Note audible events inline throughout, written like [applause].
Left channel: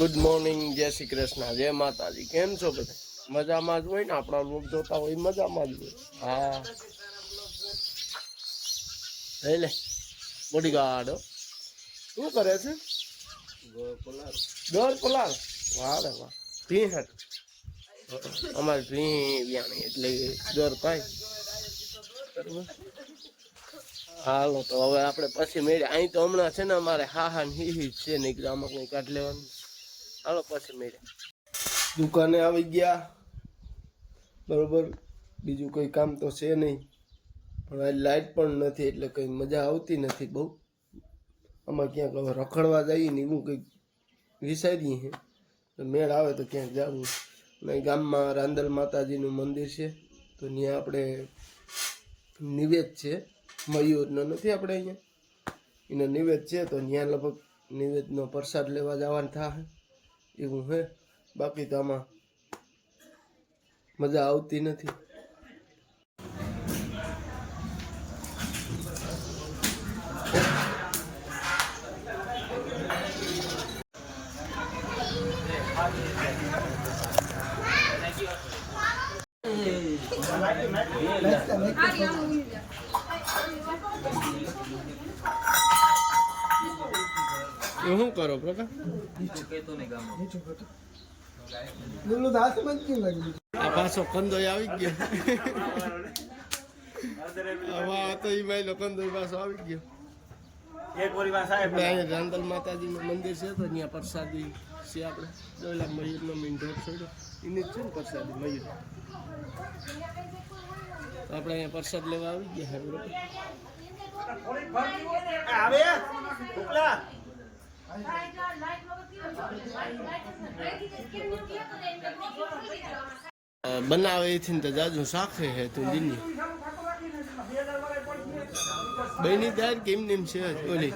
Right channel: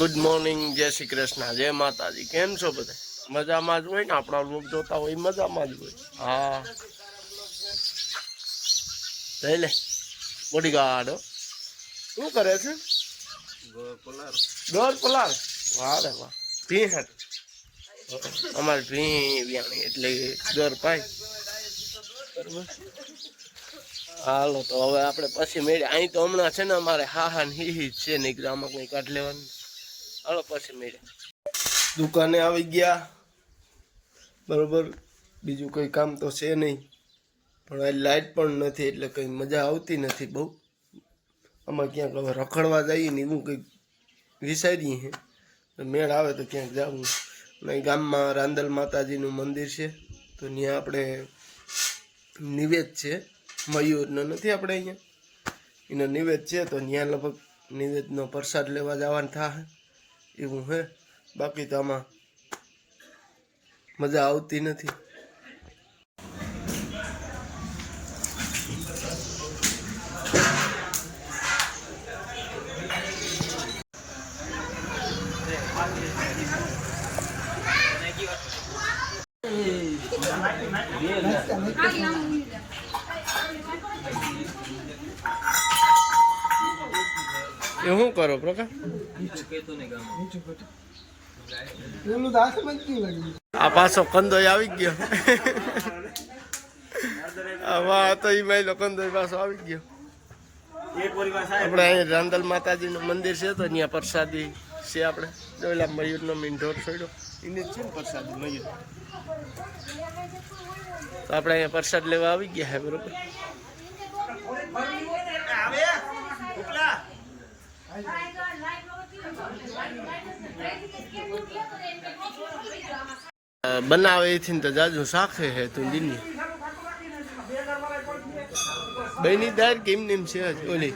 Good morning જય શ્રી કૃષ્ણ. જય માતાજી. કેમ છો બધા? મજામાં જ હોય ને? આપણા લોક જોતા હોય મજામાં જ હોય. હા. લઈ લે. બોડી ગાર્ડ શું કરે છે? દોર પલાર વાહ રે વાહ. ભી હેઠ અમારે ભી વ્યાણી એટલે દોર પાય. હાલો તો હવે આપણે પછી મેળ્યા અહીં તો હમણાં છે ને અમારે હા હા હી હી છે ને આમાં કંઈ કાઢ લેવાનું. હાલો પછી મેળે. દુકાને આવી ગયા. બરોબર. બીજું કંઈ કામ તો છે નહીં. પણ આ લાઇટ પણ નથી, એટલે કંઈ મજા આવતી નથી બહુ. આમાં ક્યાંક હવે રખડવા જઈએ ને એવું કંઈક વિચારીએ હે. મેળ આવે તો ક્યાંક જવું અને ગામમાં રાંદલ માતાજીનું મંદિર છે. તો ત્યાં આપણે નિવેદ છે. મયુરનો નથી આપણે અહીંયા. એનો નિવેદ છે, તો ત્યાં લગભગ નિવેદનો પ્રસાદ લેવા જવાનું થાય એવું હે? બાકી તો આમાં મજા આવતી નથી. એ શું કરો પ્રકાશ? આ પાછો કંદોય આવી ગયો. વાહ તો ઈ માયલો કંદોય પાછો આવી ગયો. આપણે અહીંયા રાંદલ માતાજીનું મંદિર છે તો અહીંયા પ્રસાદી છે આપણે. જોયેલા મયુરનો મીંઢોર છોડ્યો. એને જ છે ને પ્રસાદી મયુર. તો આપણે અહીંયા પ્રસાદ લેવા આવી ગયા હે બરોબર? બનાવે એથી તો જાજુ શાખે હે તું દિની બની દાર કેમ નેમ છે ઓલી.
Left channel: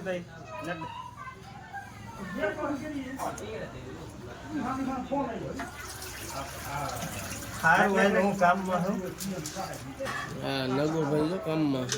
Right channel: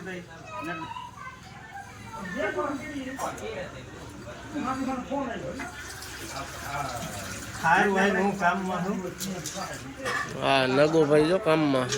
હું કામમાં હા નગો ભાઈ જો કામમાં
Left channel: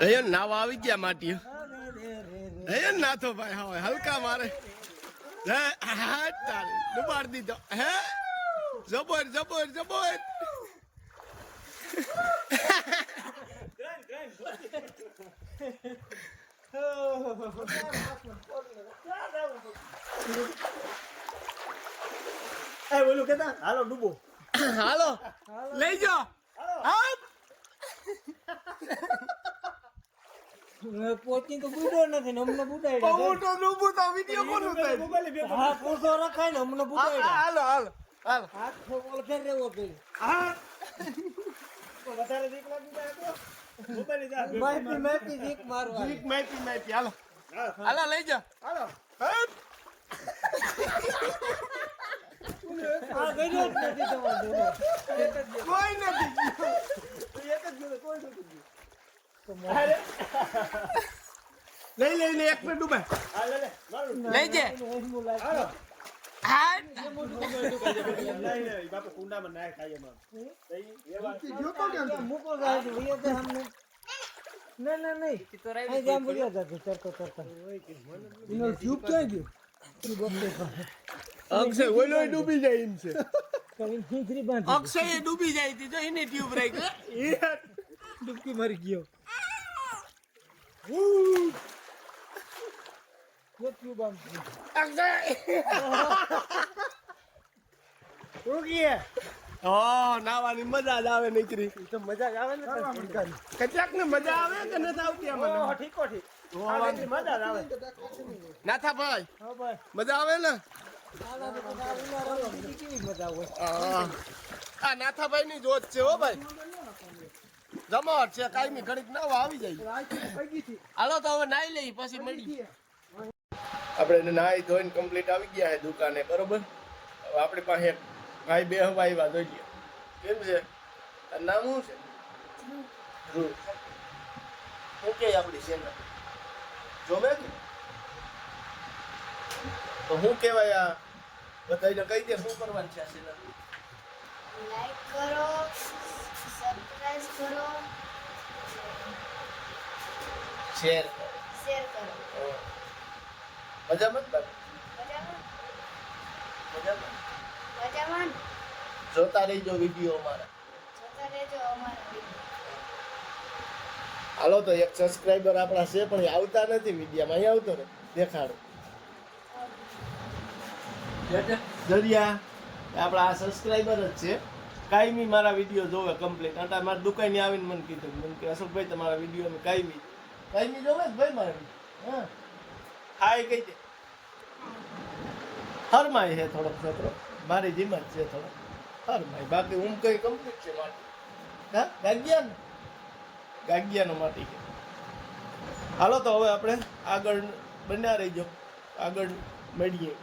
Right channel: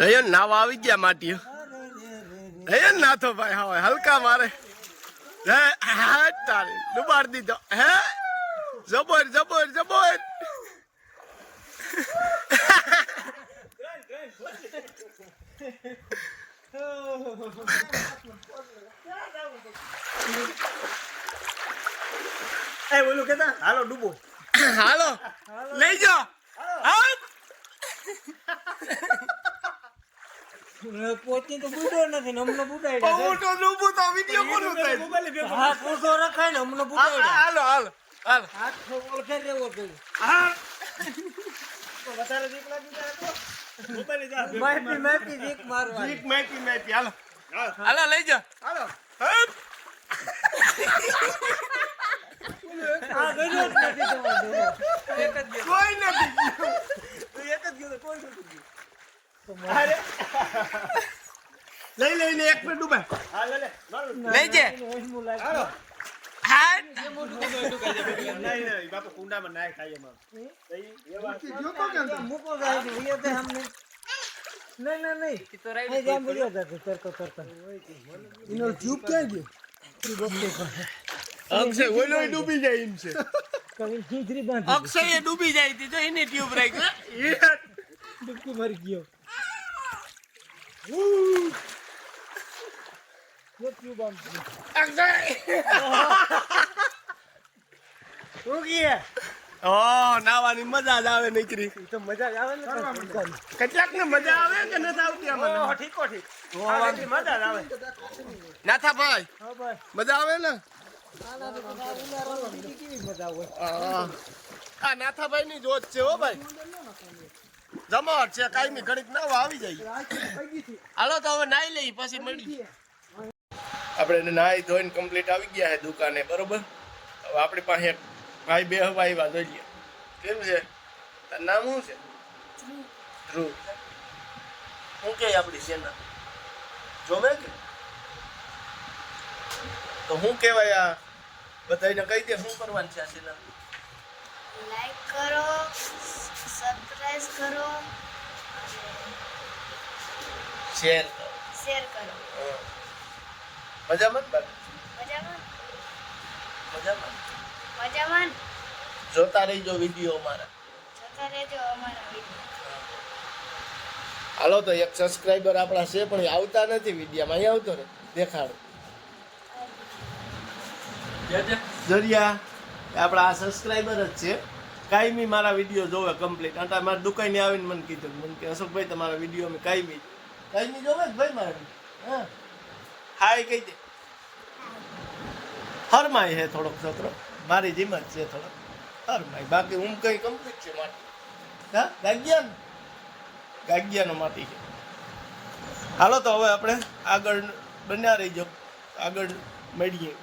અહીંયા નાવા આવી ગયા માટી અહીંયા નાથો ભાઈ હા હલકા મારે. હે હા તારે. ડુબાડ દીધો. હે? જબર જબર જબર. [laughs] એ બોલું કેતા? હાલો ડૂબો. હાલો. લઈ જાઓ. હા પોચી તો બુડો નથી હમણાં મોટો ડૂબું તો વીડિયો હા પોતો રખાય ને હમણાં બુડાડ્યા હાલો હાલો હાલ. હાથ ઓળખે રેવો જોઈએ વધારે બીક લાગી જાય તો. મારવા હાલો. હાલો લઈ જાઓ. હાલો હપ. આ ગયો જ નથી તમારો ડૂબો. એક જ ગયો કોઈ નથી એક જ ગયો તો કોઈ નથી ગયું અરે લઈ લઈને એક મિનિટ ડૂબાય હા લે લે લઈ જે ઓછમું લાગે હાલો હા નહીં નહીં બાપુ કુંડામાં નાય ખાઈ એમાં મૂકો જાય છે ભૈયા તે અમને નહીં નહીં નહીં અહીં જામ ભૈયા લઈ તરતો એક મિનિટ ડૂબે લઈ જે. અક્ષય ઓલો ડૂબી જાય એમ છે. અક્ષય એ ડૂબી જાય તી જો એની ટ્યુબ ગઈ ડૂબકી ભરી ગયો. Look you bum. રૂકીએ ઓ નાવાની મજા જ આવે નીકળી. તો મજા આવે ને કેટલાક ને મજા આવે કે નથી મજા આવે. નાથા મજા આવે ને? આ નાથાભાઈ ની જોત છે હો ભાઈ. જમાવટ છે કાયમી ઘડીક નાવા આવી જાય. હાલો તો હવે નાઈ લઈ પછી મળી. આપણે નાઈ ધોઈને કમ્પ્લીટ આવી ગયા છે દુકાને બરોબર? હવે આપણી પાસે ભાઈ બે હવા આવ્યા જોઈએ કેમ છે? તારું નામ શું છે? ધ્રુવ. શું કે આપણી સેના? જોવે કે? તો શું કહેવાય આ? બધાને કહી દે શું કરવાનું છે આ સેના? લાઈક કરો સબસ્ક્રાઇબ કરો. શેર શેર કરો. મજામાં બાકી? મજામાં? મજામાં? મજામાં ને? જોતા રહીજો વીડિયો અમારા. જોતા રહેજો અમારા વીડિયો. હાલો તો એક સબસ્ક્રાઇબર આપણા છે પણ એ આવતા નથી વિડીયામાં. અહીં આવતો રે દેખાડો. જરિયા આપણા આ સબસ્ક્રાઇબર જ છે. કાયમી મારા વીડિયો જોવે કમ્પ્લીટ આટા મારા દુકાને આવીને મને કીધું. મને કે, અશોકભાઈ, તમારા વીડિયો અમે કાયમી. કાયમી જોવે જ ભાઈ મારા? હા. હા, એ કહી દે. હરમાય છે થોડોક છોકરો. મારી જીમ જ છે થોડો હરમાય બાકી હું કઈ કમ્પ્લીટ છે માટી. હા ગાગ્યા ને ગાગ્યાનો માટી છે. હાલો તો હવે આપણે આગળ બન્યા રહીજો. આગળ મળીએ.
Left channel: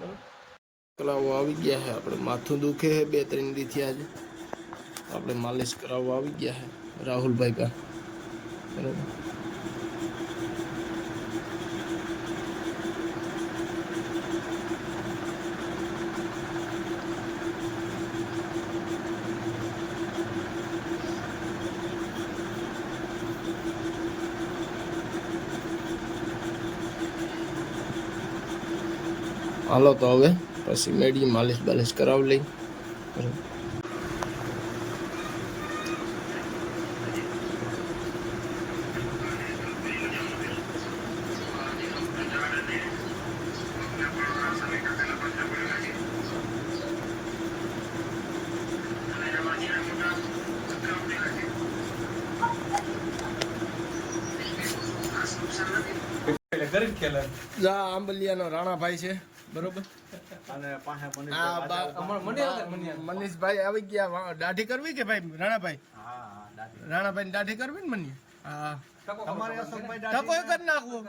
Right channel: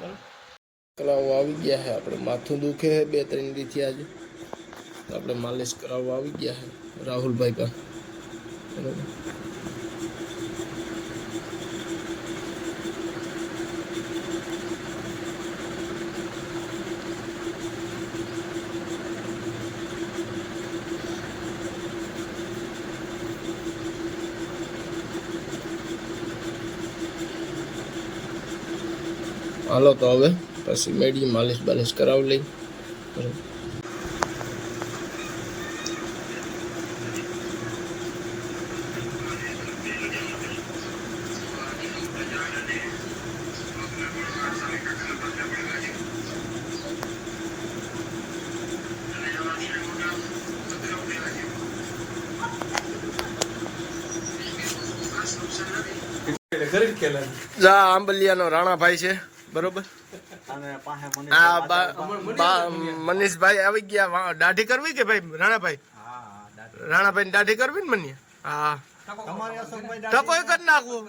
બરાબર? કરાવવા આવી ગયા છે આપણે માથું દુખે છે બે ત્રણ દીથી આજે. આપણે માલિશ કરાવવા આવી ગયા છે રાહુલભાઈ કા. બરોબર. હાલો તો હવે. પછી મેડી માલિશ બાલિશ કરાવી લઈ. બરાબર જા આંબલિયાનો રાણાભાઈ છે. બરોબર? મનીષભાઈ આવી ગયા દાઢી કરવી કે ભાઈ રાણાભાઈ? રાણાભાઈ દાઢી. કરવી ને મને હા. ટકોય કરી નાખવું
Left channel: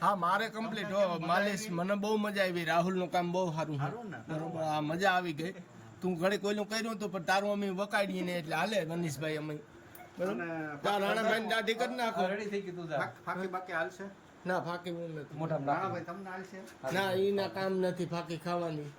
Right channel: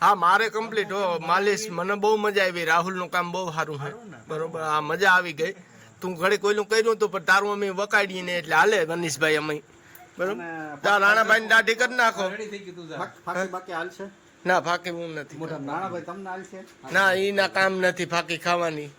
હા મારે કમ્પ્લીટ હો માલિશ. મને બહુ મજા આવી. રાહુલનું કામ બહુ સારું છે. બરોબર. હા મજા આવી ગઈ. તું ઘડી કોઈનું કર્યું હતું પણ તારું અમે વકાડીએ ને એટલે હાલે મનીષભાઈ અમે. બરોબર? તાર રાણાભાઈ ની દાઢી કરી નાખો. ના ફાકી હું નથી. ના એ ના કામ નથી ફાકી ખાવાની.